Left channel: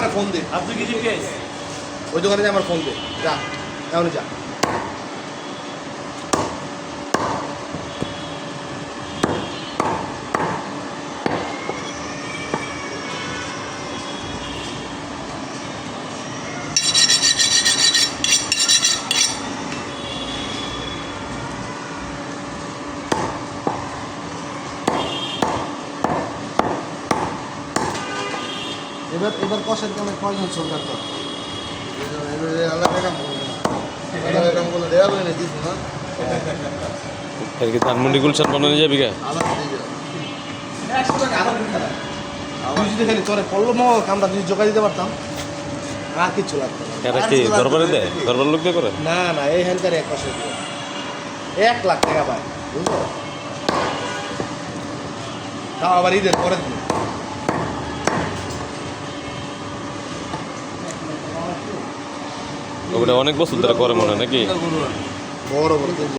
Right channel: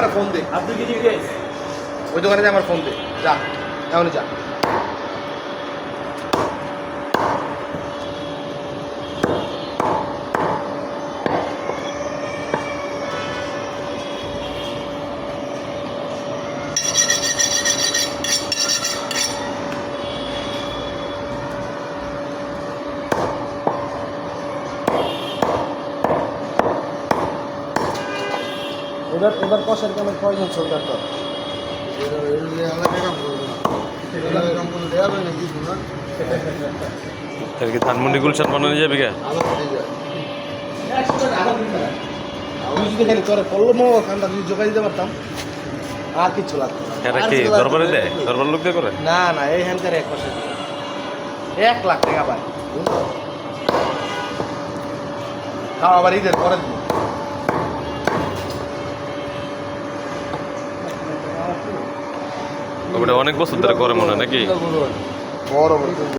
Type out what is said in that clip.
আমার ফোন দে। আপনি কি জিজ্ঞেস ওই দোকানে আমার ফোন দে, যা এখনই যা। এবার কষার কোনো প্রয়োজন চলবে তো ধানমন্ডি গুলশান বানানো যাবে কে যদি করে পড়লো মো আমরা যদি জোগাড় দিতে পারতাম আর কিচ্ছু লাগতো না। এটা কি দরবারে দেয় দরবার লোক দিয়ে করে না না এইখানকার 1 মাসের 1 লাখ টাকা পায়, বুঝলো? তাও আবার ঈদের পরের দিন। ওটা অনেক বছর ধরে করে মনে হয় নাকি বড় বড়